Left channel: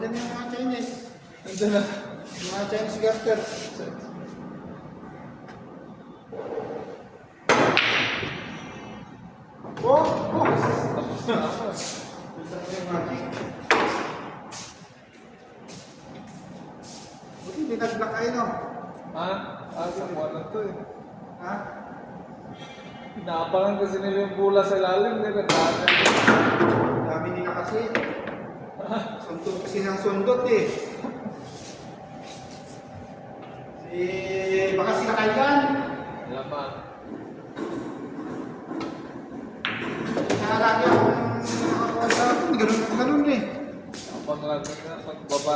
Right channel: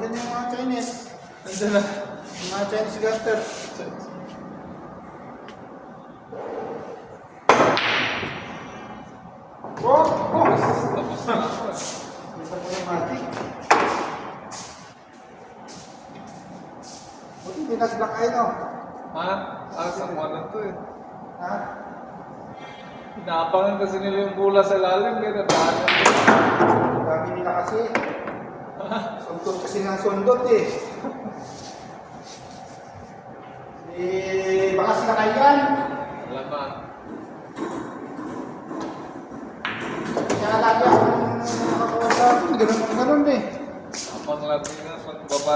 Nandiyan yung mga Chinese. Nandiyan na. Yung mga Chinese garter. Oh! Tapos na ako. Isa mo yung matik. Buti hindi nag-block kayo, no? Ha? Sa ano to eh. Ha? Inaabangan kasi nila yung bola sa lalim. Kaya daanan. Dami nila kasi. Sundot kasi ng sundot eh. Baka sila kailan. Alaman. Kaya lagi akong nakakuha sa akin. Ganun eh. Abang lagi na pagbaba